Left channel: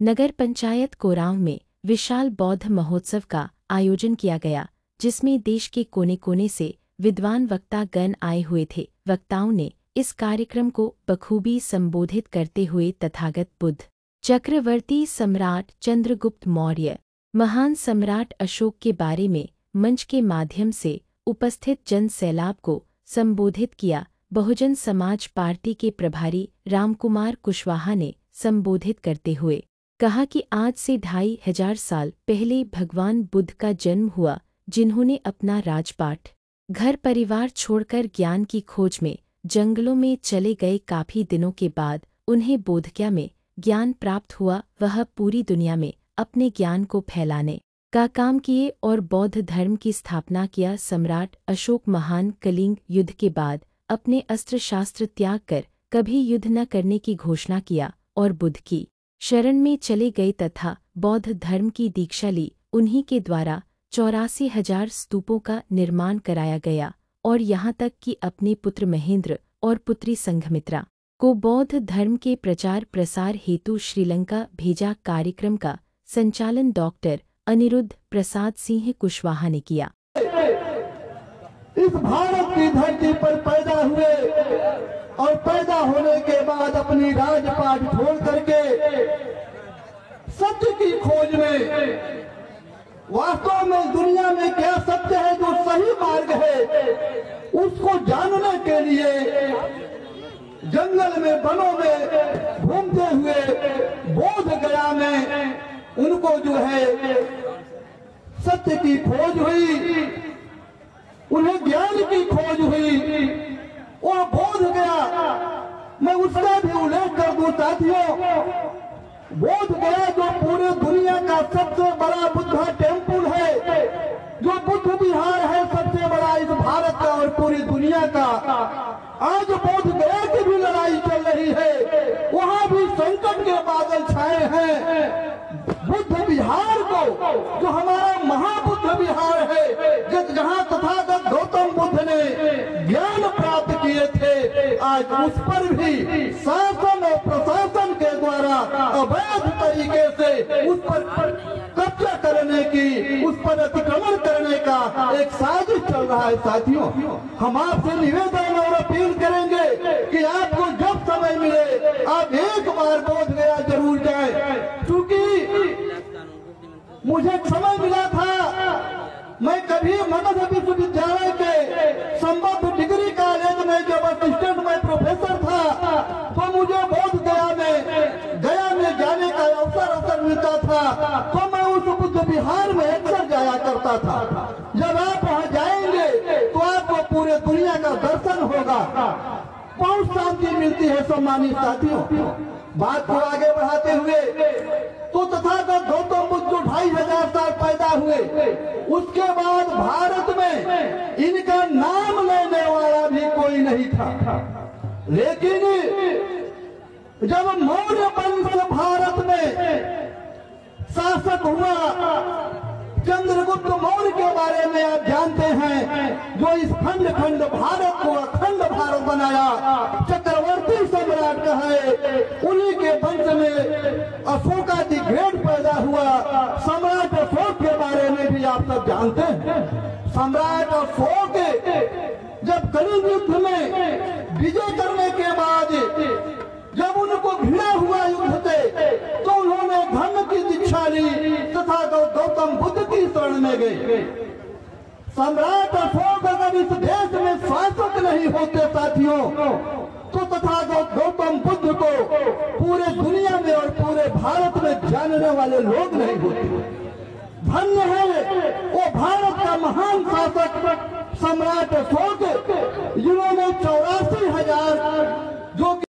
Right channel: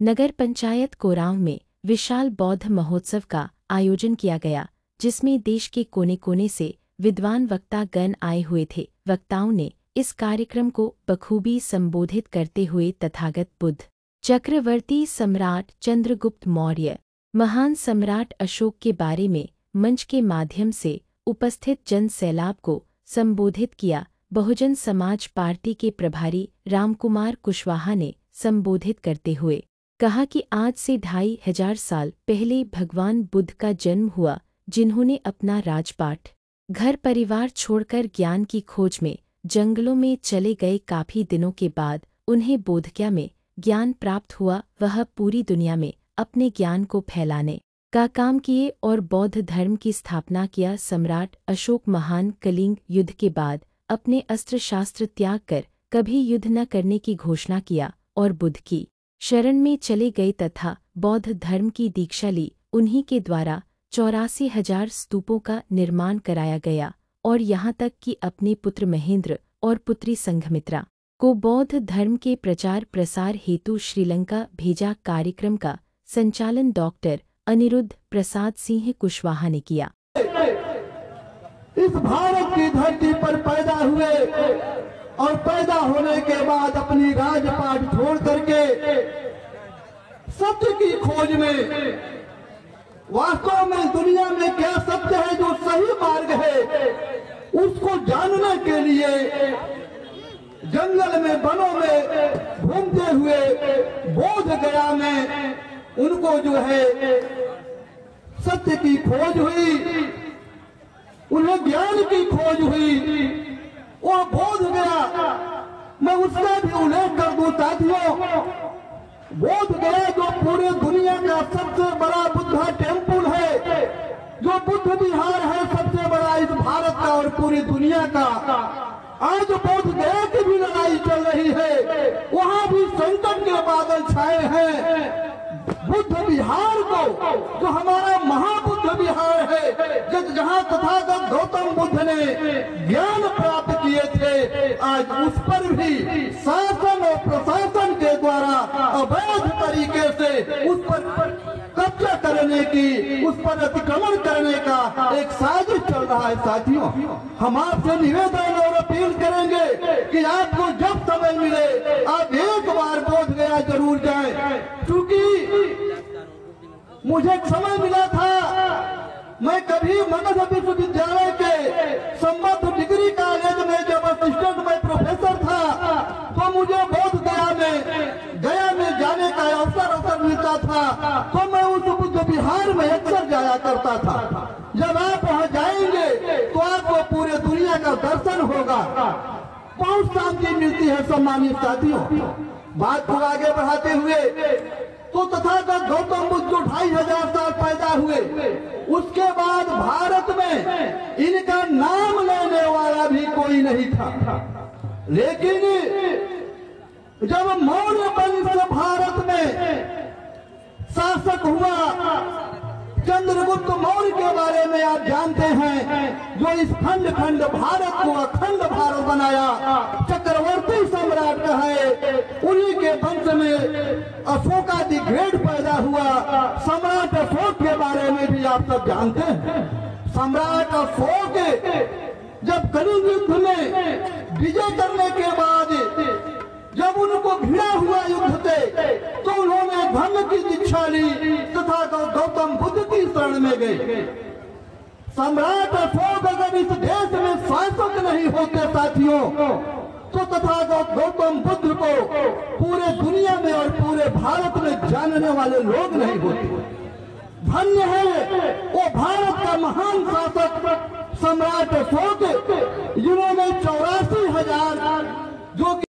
नगर पंचायत कोरांव में विशाल बौद्ध महोत्सव का आयोजन किया गया, जिसमें देश के कोने कोने से विद्वान वक्ता गण आए हुए थे। वक्ताओं ने इस कार्यक्रम को बखूबी संबोधित करते हुए तथागत बुद्ध, चक्रवर्ती सम्राट चंद्रगुप्त मौर्य, महान सम्राट अशोक के बारे में मंच के माध्यम से उपस्थित जन सैलाब को संबोधित किया। बहुजन समाज पार्टी के प्रभारी रामकुमार कुशवाहा ने संबोधित करते हुए कहा कि आज से 2500 साल पहले भगवान बुद्ध का जन्म हुआ, जिन्होंने अपना राजपाट, घर परिवार छोड़कर ज्ञान की खोज में जंगलों में चले गए। काफी दिनों के बाद उन्हें बोधगया में ज्ञान प्राप्त हुआ। वह पूरी दुनिया में अपने ज्ञान को फैलाने का काम किए और बौद्ध धर्म की स्थापना किया। सम्राट अशोक महान कलिंग युद्ध के बाद अपने अस्त्र शास्त्र त्याग कर कभी युद्ध न करने की घोषणा किया और बुद्ध की शरण में चले गए तथा बौद्ध धर्म की दीक्षा ली। उन्हीं के द्वारा 84,000 स्तूपों का निर्माण कराया गया और यहाँ तक कि अपने पुत्र महेंद्र और पुत्री संघमित्रा को बौद्ध धर्म के प्रचार प्रसार हेतु श्रीलंका भेजा। कार्यक्रम का संचालन डॉक्टर अनिरुद्ध प्रसाद सिंह कुशवाहा ने किया। इस भारत की धरती पर पैदा हुए और पैदा होने के बाद अपनी राजपाट छोड़ करके सत्य की खोज में, वास्तव में दुनिया में क्या सत्य है, जो सही मार्ग है, उसको जानने के लिए जंगल में, वनों में घूमते हुए बोध गया में उनको जो है सत्य की खोज हुई, उन्हें ज्ञान की खोज हुई। वो बोध गया, मैं उसका भी उल्लेख कर दूं साथियों, बोध गया जो पूरे दुनिया का सबसे बड़ा बुद्धा टेम्पल है, जो बुद्ध विहार है सबसे बड़ा इस भारत का और पूरी दुनिया का। आज बोध गया की भी लड़ाई चल रही है, वहां भी संकट के बादल छाए हैं। बुद्ध विहार को, जो हमारा महाबुद्ध विहार है, जहाँ तथागत गौतम बुद्ध ने ज्ञान प्राप्त किए थे, आज उस पर भी शासन और प्रशासन के द्वारा अवैध तरीके से उस पर कब्जा करने की, उस पर अतिक्रमण करने का एक साजिश चल रहा है। साथियों, हम आपसे निवेदन और अपील करेंगे कि आपको जब समय मिले आप एक बार बोध गया जरूर जाएं, क्योंकि मुझे समय मिला था, मैं कभी मगध विश्वविद्यालय के संबद्ध डिग्री कॉलेज में जब असिस्टेंट में प्रोफेसर था, तो मुझे बोध गया में जाने का अवसर मिलता था, तो मैं उस बुद्ध विहार में अक्सर जाया करता था। जब आप वहां जाएंगे तो आपको पूरे दुनिया का दर्शन होगा, बहुत शांति मिलती है। सम्मानित साथियों, बात को आगे बढ़ाते हुए, तो तथागत गौतम बुद्ध जो 2500 साल पैदा हुए, उसके बाद भारत में इनका नाम लेने वाला भी कोई नहीं था। लेकिन जब मौर्य वंश भारत में शासक हुआ, चंद्रगुप्त मौर्य के बारे में आप जानते हैं, जो इस खंड खंड भारत को अखंड भारत बनाया, चक्रवर्ती सम्राट कहे, उन्हीं के वंश में अशोका दी ग्रेट पैदा हुआ। सम्राट अशोक के बारे में भी आप सब जानते हैं। सम्राट अशोक जब कलिंग युद्ध में विजय करने के बाद जब उनको भिड़ा हुआ युद्ध थे, तो उन्होंने धर्म की दीक्षा ली तथा गौतम बुद्ध की शरण में गए। सम्राट अशोक अगर इस देश में शासक नहीं होते साथियों, तो तथागत गौतम बुद्ध को पूरे दुनिया में और पूरे भारत में जानने वाले लोग नहीं होते। धन्य है वो भारत